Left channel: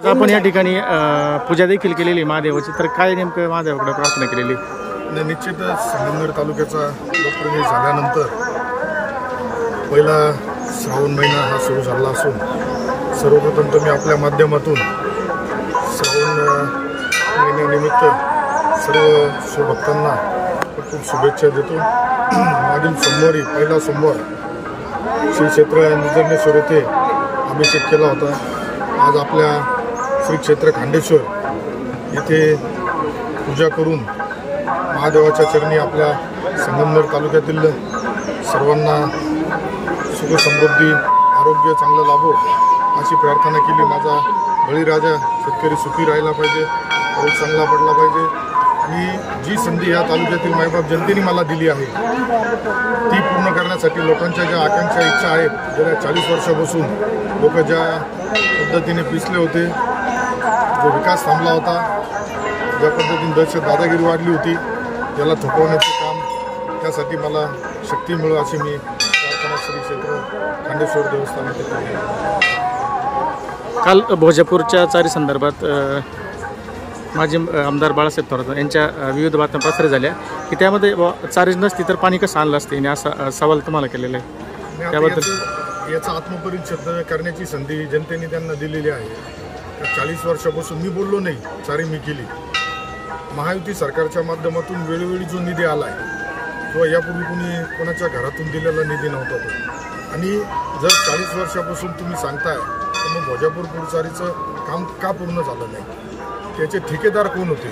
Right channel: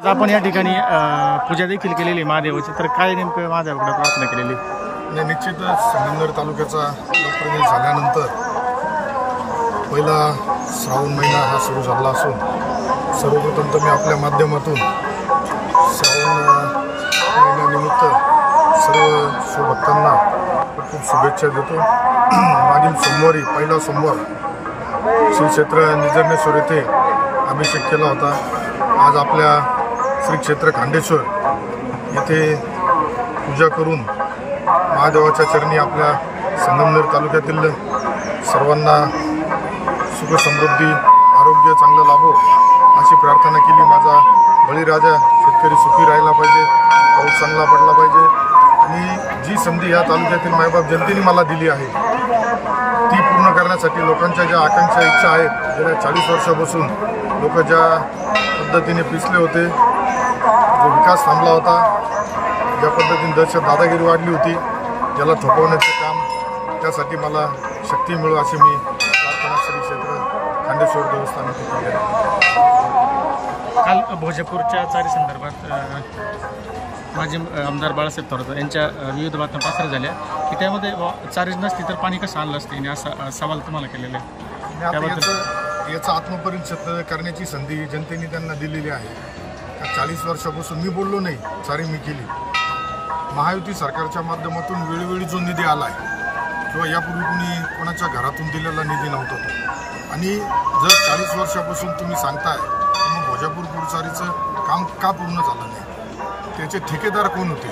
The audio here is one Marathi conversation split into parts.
आज आपण या ठिकाणी पूजा देखील केलेली महादेवाची, तर काय नेमकं महादेवाकडे प्रार्थना केलेली? निश्चितच संगमनेर तालुक्याचा लोकप्रतिनिधी झाल्यानंतर पहिला श्रावण महिना हा सुरू झाला असून सर्वप्रथम तर मी आपल्या माध्यमातून श्रावण महिन्यानिमित्त सर्व शिवभक्तांना खूप शुभेच्छा देतो। मागील सोमवारी पहिला सोमवार श्री क्षेत्र निजर्णेश्वर येथे अभिषेक केला होता। आज आपल्या श्री क्षेत्र खांडेश्वर येथे पूजा करून महादेवाच्या चरणी आपल्या संगमनेर तालुक्यातील सर्वांना सुख समृद्धी आरोग्य चांगलं लाभो अशी प्रार्थना केली। माझा बळीराजा शेतकरी सुखी राहिला पाहिजे, पाऊस चांगला पडला पाहिजे आणि जी संधी या तालुक्यातील मायबाप जनतेने मला दिली आहे ती पूर्ण करण्यासाठी लोकांच्या ज्या आकांक्षा इच्छा आहेत, गेल्या 40 वर्षापासून लोक ज्या पद्धतीने पिसले होते, जो विकास थांबला होता, ज्या पद्धतीने दहशत दादागिरी वाढली होती, ज्याला थोपवण्याचं काम, त्यासाठी मला शक्ती मिळो अशी मी प्रार्थना श्री क्षेत्र खांडेश्वर देवस्थान येथे केली आहे। काल भोजापूरच्या चारी संदर्भात माजी आमदार बाळासाहेब थोरात यांच्या विविध बातम्या प्रसारित झाल्या की त्यामध्ये चारीच नसती तर पाणी कसं आणलं असते, असा सवाल तुम्हाला केलेला आहे। त्याबद्दल याचा आत्मपरीक्षण करण्याची संधी जनतेने त्यांना दिलेली आहे। 40 वर्षापासून मी बोललो नाही, चारी मी केली। महायुती सरकारच्या माध्यमातून वेळोवेळी जो निधी आला आहे किंवा यापूर्वी कुणी कोणाच्या घरातून दिलेला निधी नव्हता तो, आणि जर 40 वर्षापासून तुम्ही सांगताय तर मग भोजापूर पुरचारीचं काम का पूर्ण झालं नाही, त्याचे ठेकेदार कोण होते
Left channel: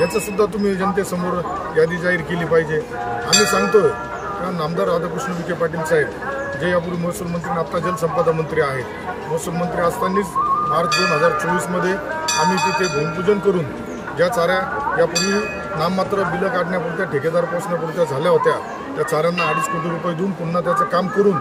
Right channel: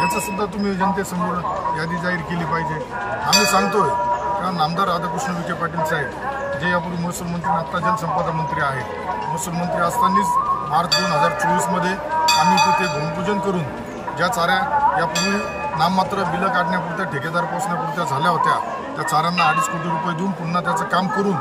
याचं सुद्धा तुम्ही जनतेसमोर यादी जाहीर केली पाहिजे। आम्ही सांगतोय कारण आमदार राधाकृष्ण विखे पाटील साहेब जे यापूर्वी महसूल मंत्री आता जलसंपदा मंत्री आहेत, महसूल मंत्री असतानाच मार्च 2024 मध्ये आम्ही तिथे भूमिपूजन करून ज्या चाऱ्या यापूर्वी नाममात्र बिलं काढण्यापुरत्या ठेकेदार पोचण्यापुरत्या झाल्या होत्या त्या चाऱ्यांना 2.5 कोटी रुपये देऊन पुन्हा त्याचं काम करून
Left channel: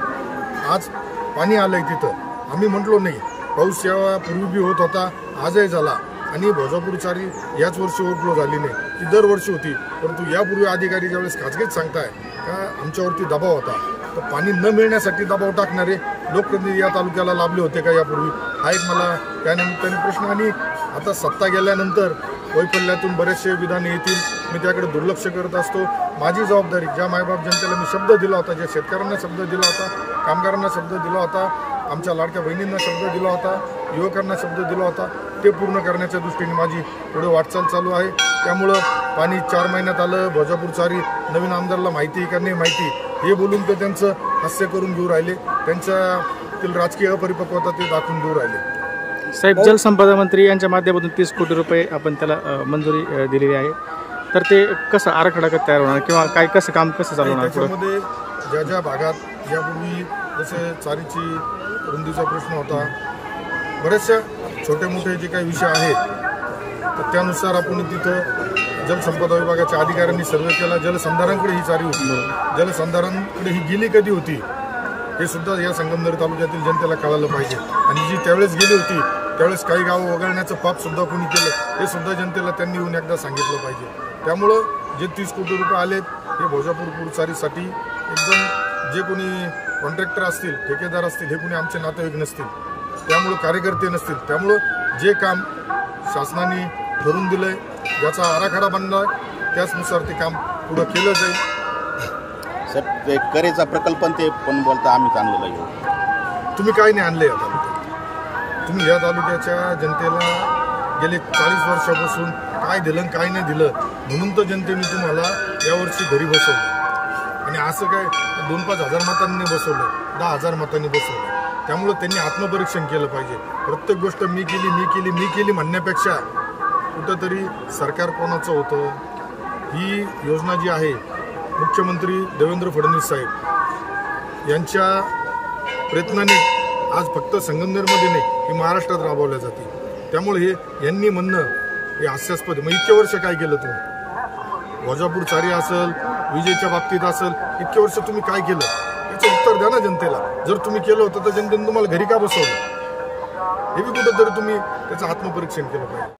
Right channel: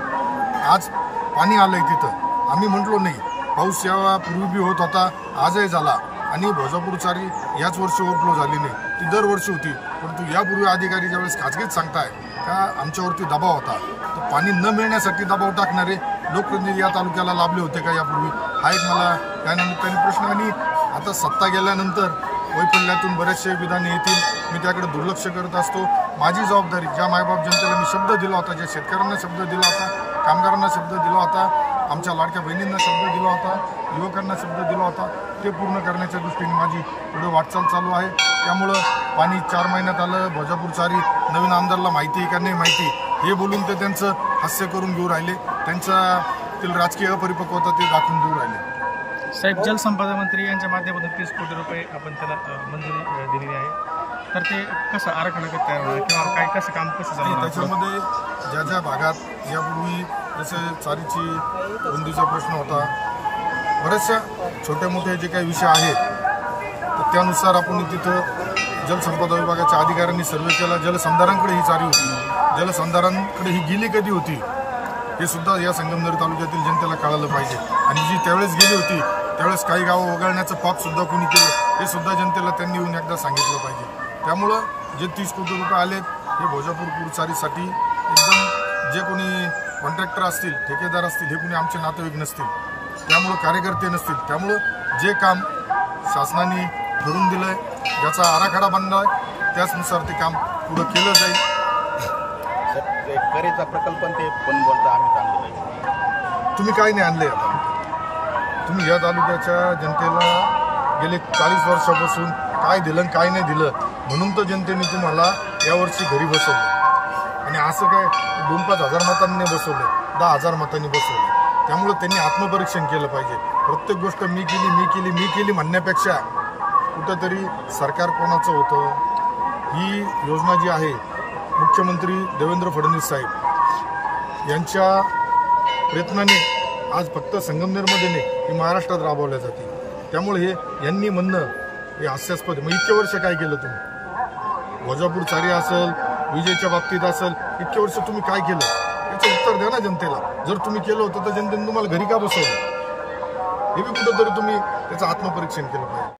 आज पाणी आलंय तिथं। आम्ही म्हटलो नाही, पाऊस यापूर्वी बी होत होता, आजही झाला आणि भोजापूर चारी याच वर्षी ओव्हरफ्लो झाली नाही, ती दरवर्षी होती। परंतु यापूर्वी अधिकारी ज्यावेळेस खाजगीच सांगताय का आमच्यावरती दबाव होता, तर पाणी न मिळण्यासाठी दबाव टाकणारे लोकप्रतिनिधी या तालुक्याला लाभले होते का यापूर्वी, हा एक मला त्यानिमित्ताने प्रश्न। आणि आता सत्ता गेल्यानंतर वैफल्यातून बरेचसे विधाने येतील, मी त्याकडे दुर्लक्ष करत असतो। माझी जबाबदारी, ज्या मायबाप जनतेला मी शब्द दिला होता, ज्या शेतकऱ्यांना शब्द दिला होता, कामगारांना शब्द दिला होता, आमच्या लाडक्या बहिणींना शब्द दिला होता, युवकांना शब्द दिला होता, ते पूर्ण करण्याच्या दृष्टीने माझी पुढे वाटचाल चालू आहे। त्यामुळं पाणी 4 महिन्यात आलं, भोजापूर चारी नवीन आमदारला माहिती का नाही माहिती हे बोलून ते त्यांचं हास्य करून घेऊ राहिले, त्यांच्यातील राजकीय अपरिपक्वता ते दाखवून देऊ राहिले। साहेब, जलसंपदा मंत्री यांच्या माध्यमातून 30 कोटी रुपये आपण त्याला मंजुरी दिलेली आहे, तर ते कसं आराखडा तयार होणार किंवा काय कसं काम कसं चालू होणार? त्याच्यामध्ये ज्या ज्या भागात यापूर्वी जसे चारीची रुंदीचा प्रश्न होता, बरेचशा छोटे मोठे जे काही विषय आहेत तर त्यानुसार आपण तिथं जलसंपदा विभागाच्या अधिकाऱ्यांनी सर्वे केला। जलसंधारांकडे ही चारी होती, जलसंधारांकडे ही गेली कधी होती हे सुद्धा या संगमनेर तालुक्यातील जनतेला कळालं पाहिजे। आणि जी त्यावेळेस गेली होती त्यावेळेस काही गावं वगळण्याचं पाप सुद्धा कोणी केलं हे सुद्धा जनतेला त्यांनी येऊन एकदा सांगितलं पाहिजे। त्यामुळं जे 30 कोटी रुपये आलेत हे भोजापूर पुरचारीसाठी एकदम, जे कोणी कॉन्ट्रॅक्टर असतील, ठेकेदार असतील, हे कोणी आमचे नातेवाईक नसतील, त्यामुळं कार्यकर्ते नसतील, त्यामुळं जे काम शासनाने ठरवून दिलंय, ज्याचा आराखडा बनलाय त्याचनुसार ते काम पुढं केलं जाईल। करेचा प्रकल्प ते पण बोलता आम्ही चांगलं लागेल। तुम्ही काही नाही आणले या तालुक्यात, तुम्ही या तालुक्याच्या जनतेला गेले 40 वर्षापासून काय दिलं काय नाही दिलं म्हणून तर जनतेने तुम्हाला यावर्षी घरी बसवलं, आणि असं काय 2-5 हजार मतांनी बसवलं, 10,000 मतांनी बसवलं। त्यामुळं त्यांनी आत्मपरीक्षण केलं पाहिजे। प्रत्येक गोष्ट मी केली म्हणण्यापेक्षा कुठंतरी सरकार कोणाचं होतं, ही योजना जी आहे मुख्यमंत्री देवेंद्र फडणवीस साहेब यांच्या प्रयत्नाने आज फक्त संगमनेरमध्ये नाही, ही महाराष्ट्रात राबवल्या जाते। त्यामुळे हे यांनी म्हणणं हे हास्यास्पद। मग इतके वर्ष काय केलं तुम्ही? भोजापूर चारी असेल, विजेच्या बाबतीत असेल, इतके वर्ष तुम्ही काय केलं याचं उत्तर द्या ना जनतेला। जर तुम्ही केलं होतं तर जनतेने तुम्हाला घरी का बसवलं हे बी कुठंतरी तुम्ही त्याचं आत्मपरीक्षण केलं पाहिजे।